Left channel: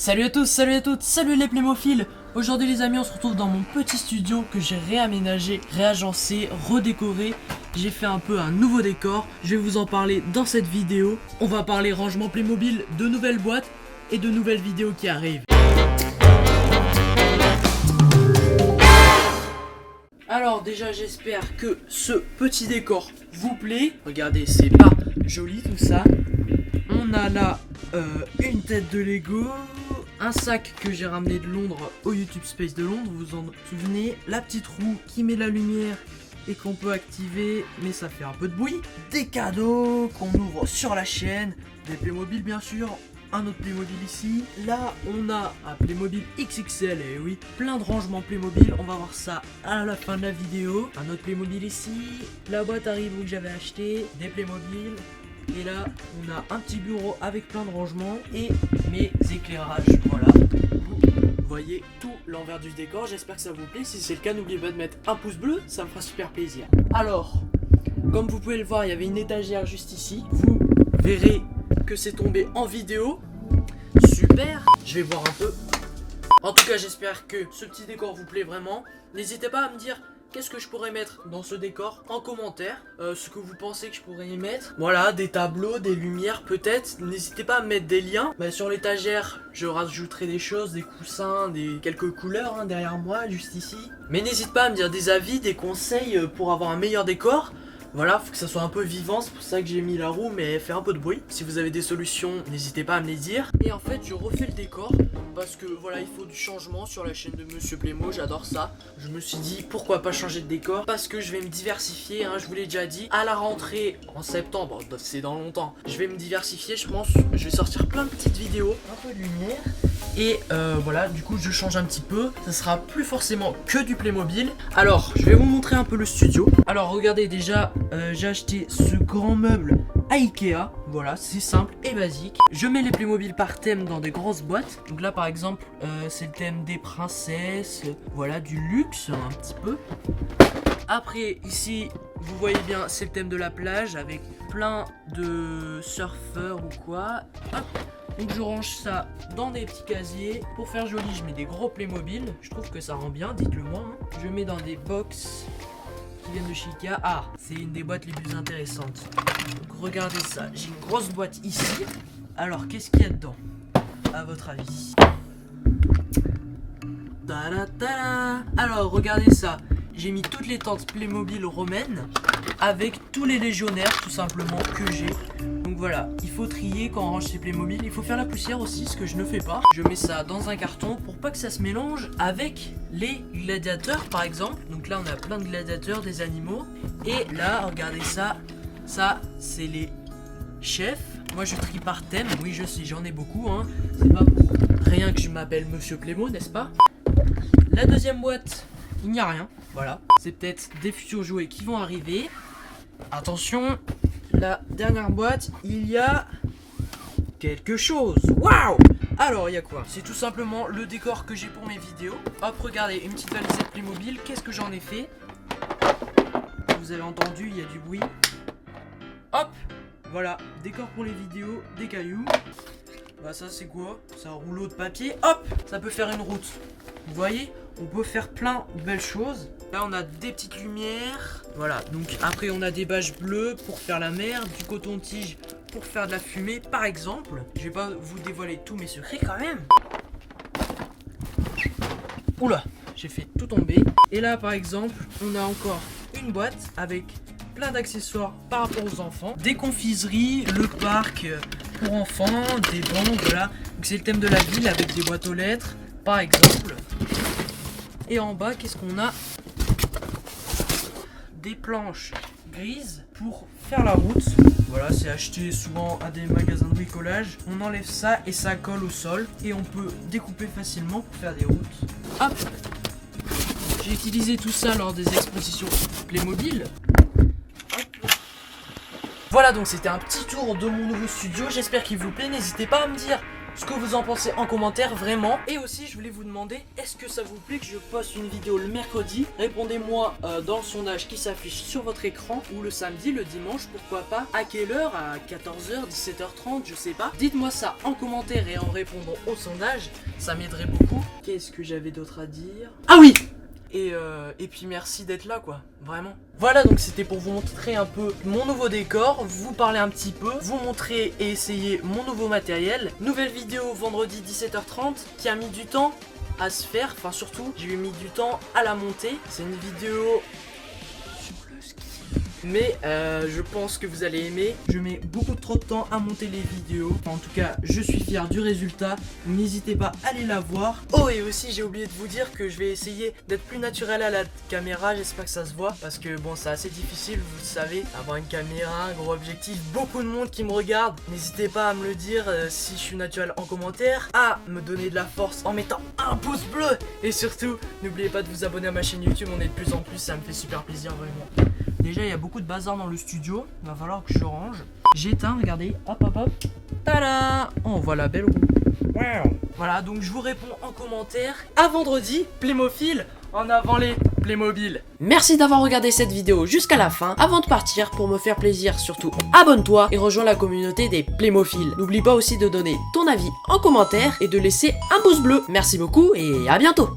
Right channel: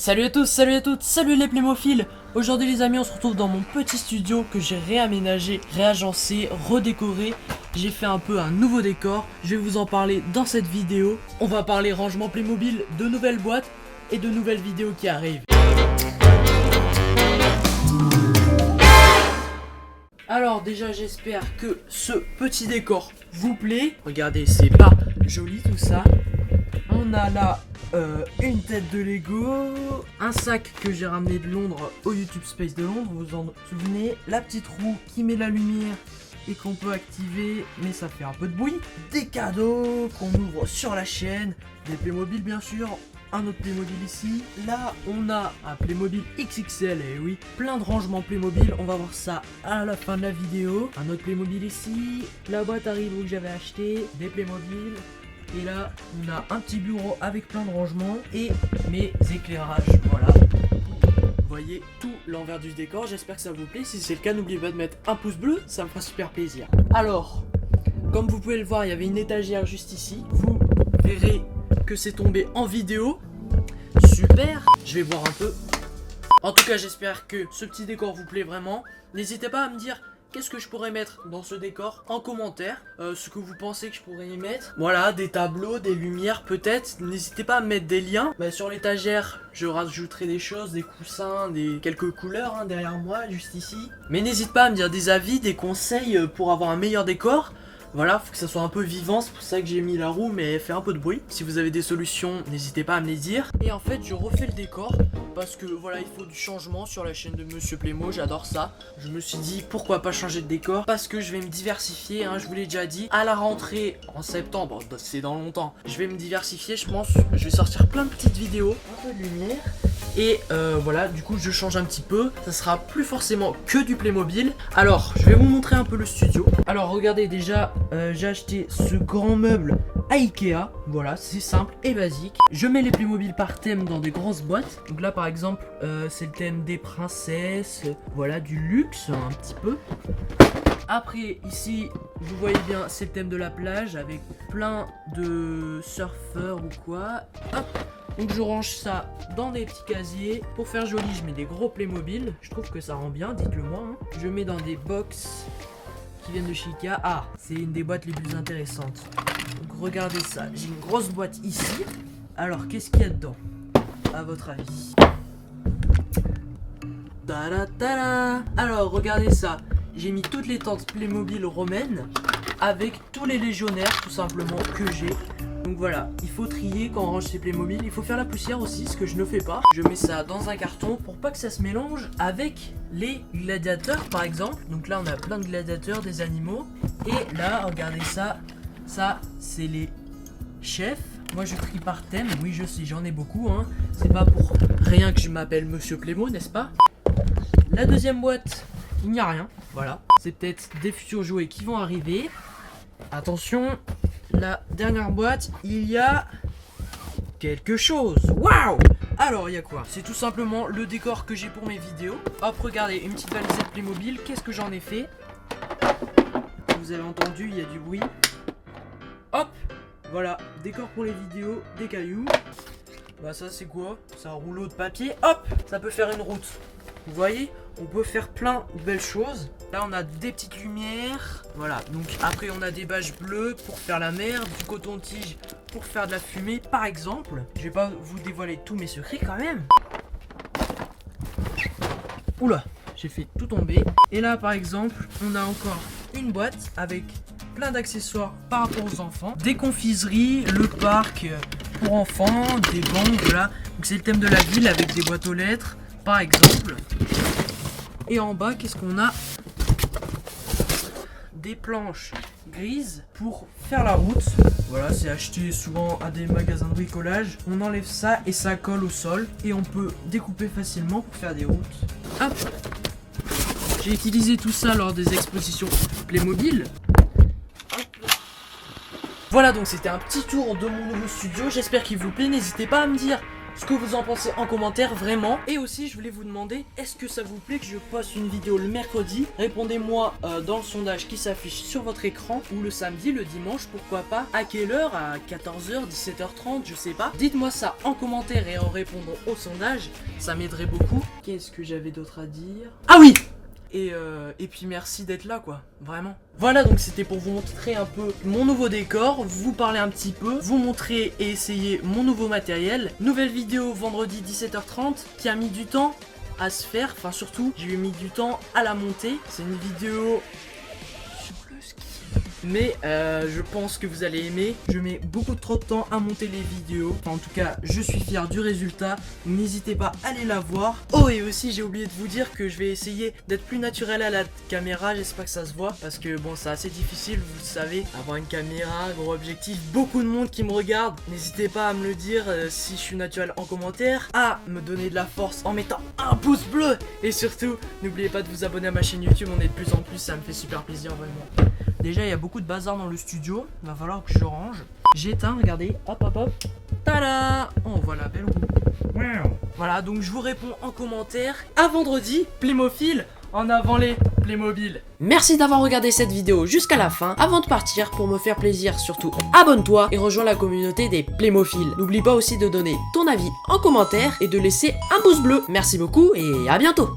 Salut à tous, salut à toutes, salut les plémophiles. Aujourd'hui les amis, on se retrouve dans mon petit studio que j'ai réaménagé, réagencé, redécoré. J'ai fait un peu un nouveau décor, je vais vous en parler dans cette vidéo. On va parler rangement Playmobil, de nouvelles boîtes et de nouvelles vidéos qui arrivent. Alors déjà j'espère que ce petit décor vous plaît. Regardez, c'est pas joli tout ça. On a là une tête de Lego, un sac que j'ai ramené de Londres au YouTube Space de Londres, vous en souvenez, la petite roue qui met la lumière et qu'on peut activer mais ça fait un peu de bruit, des cadeaux qu'on ouvre sur la chaîne, des Playmobil bien sûr, un autre Playmobil ici, là on a un Playmobil XXL, et oui, plein de rangements Playmobil, on va voir ça à la fin de la vidéo, un autre Playmobil ici, la boîte Haribo que j'avais acheté, des Playmobil. Et là, on a un petit bureau avec plein de rangements et mes éclairages, voilà. Vous voyez tout l'envers du décor, j'espère que ça vous plaît. Si c'est le cas, n'oubliez pas de mettre un pouce bleu, ça me fera super plaisir. Alors, comme vous pouvez le voir, il y avait une étagère juste ici. Vous verrez que c'est tombé en vidéo. Super, je vais voir un peu. En tout cas, j'espère que ce petit décor vous plaît vraiment. N'hésitez pas à me dire qu'est-ce que je pourrais mettre dans ce décor en commentaire, ce que vous pensez que je pourrais y mettre. Voilà, des tableaux, des lumières peut-être. N'hésitez pas à mettre des liens. Sur l'étagère, je rajouterai des choses, des coussins, quelques couleurs derrière moi, juste ici. Mais n'hésite pas à me dire des avis, des conseils pour avoir un meilleur décor. Voilà, faut que ça soit un peu vivant, c'est pour ça que j'ai mis la roue, mais elle fait un peu de bruit. Si vous avez des solutions, n'hésitez pas à me les dire. Et en fait, je refais le décor, parce que voilà, il faut du changement sur la chaîne de Monsieur Playmo, j'adore ça. Je me suis dit, pourquoi pas changer de décor, parce que je vais me diversifier, je vous l'ai déjà dit. À la rentrée, en septembre, c'est dans longtemps, je vais me diversifier, je pense. Je vais sortir plein de petites vidéos, un peu de lumière. Et voilà, du coup je change un petit peu. Ça sera plus forcément que du Playmobil. Alors, je vais vous montrer un peu le studio. Alors regardez, déjà j'ai acheté ce grand meuble à Ikea. Voilà, c'est simple et basique. Je mets les Playmobil par thème dans des grosses boîtes. Donc là par exemple, c'est le thème des princesses. Voilà, du luxe un petit peu. Après, ici, vous voyez bien, c'est le thème de la plage avec plein de surfeurs ou quoi. Hop. Donc je range ça dans des petits casiers. Pour faire joli, je mets des gros Playmobil. Je trouve que ça rend bien, dites-le moi. Je mets dans des box qui viennent de chez Ikea. Ah, c'est une des boîtes les plus intéressantes. Donc regardez ça, j'ai une grosse boîte ici. Alors, qu'est-ce qu'il y a dedans, à votre avis? Ta-da-ta-da. Alors, regardez ça. J'ai mis toutes les tentes Playmobil romaines avec tous les légionnaires, tout simplement, que j'ai. Donc voilà, il faut trier quand on range ses Playmobil. Il faut faire la poussière aussi, ce que je ne fais pas. Je mets ça dans un carton pour pas que ça se mélange avec les gladiateurs, par exemple. Donc là, on a plein de gladiateurs, des animaux. Et là, regardez ça. Ça, c'est les chefs. Moi, je trie par thème. Oui, je sais, j'en ai beaucoup. C'est pas pour rien que je m'appelle Monsieur Playmo, n'est-ce pas? La deuxième boîte, il n'y a rien. Voilà, c'est peut-être des futurs jouets qui vont arriver. Attention, la dernière boîte, il y a quelque chose. Waouh! Alors, il y a quoi? C'est tout simplement le décor que j'ai pour mes vidéos. Hop, regardez, une petite valisette Playmobil. Qu'est-ce que j'en ai fait? Vous avez entendu, il y a du bruit. Hop! Voilà, décor pour les vidéos, des cailloux. Bah ça c'est quoi? C'est un rouleau de papier. Hop! Ça peut faire une route. Vous voyez? On peut faire plein de belles choses. Là on a des petites lumières. Voilà, donc après on a des bâches bleues pour faire la mer, du coton-tige pour faire de la fumée par exemple. Je vais pas vous dévoiler tous mes secrets quand même. Oula, j'ai fait tout tomber. Et là par exemple, on a encore une boîte avec plein d'accessoires par rapport aux enfants. Des confiseries, le parc pour enfants, des banques, voilà. Donc c'est le thème de la ville avec des boîtes aux lettres par exemple. Et en bas, qu'est-ce qu'on a? Des planches grises pour faire la route. Voilà, c'est acheté souvent à des magasins de bricolage. On enlève ça et ça colle au sol. Et on peut découper facilement pour faire des routes. Hop! J'ai utilisé tout ça lors des expositions Playmobil. Hop. Voilà, donc c'était un petit tour de mon nouveau studio. J'espère qu'il vous plaît. N'hésitez pas à me dire ce que vous en pensez en commentaire, vraiment. Et aussi, je voulais vous demander, est-ce que ça vous plaît que je poste une vidéo le mercredi? Répondez-moi dans le sondage qui s'affiche sur votre écran, ou le samedi, le dimanche, pourquoi pas. À quelle heure? À 14h, 17h30, je sais pas. Dites-moi ça en commentaire et en répondant au sondage, ça m'aiderait beaucoup. Qu'est-ce que j'avais d'autre à dire? Ah oui! Et puis merci d'être là, quoi, vraiment. Voilà, donc c'était pour vous montrer un peu mon nouveau décor, vous parler un petit peu, vous montrer et essayer mon nouveau matériel. Nouvelle vidéo vendredi 17h30 qui a mis du temps à se faire, enfin surtout j'ai mis du temps à la monter. C'est une vidéo sur le ski. Mais je pense que vous allez aimer. Je mets beaucoup trop de temps à monter les vidéos. Enfin, en tout cas, je suis fier du résultat. N'hésitez pas à aller la voir. Oh, et aussi, j'ai oublié de vous dire que je vais essayer d'être plus naturel à la caméra. J'espère que ça se voit. Parce que bon, c'est assez difficile, vous savez, avoir une caméra, un gros objectif. Beaucoup de monde qui me regarde. N'hésitez pas à me le dire si je suis naturel en commentaire. À me donner de la force en mettant un pouce bleu. Et surtout, n'oubliez pas de vous abonner à ma chaîne YouTube. On est de plus en plus, ça me fait super plaisir, vraiment. Déjà, il y a beaucoup de bazar dans le studio. Il va falloir que je range. J'éteins, regardez. Hop, hop, hop. Tada! On voit la belle roue. Wow. Voilà, donc je vous réponds en commentaire. À vendredi, Playmobil. En avant les Playmobil. Merci d'avoir regardé cette vidéo jusqu'à la fin. Avant de partir, pour me faire plaisir, surtout abonne-toi et rejoins la communauté des Playmophiles. N'oublie pas aussi de donner ton avis en commentaire et de laisser un pouce bleu. Merci beaucoup et à bientôt.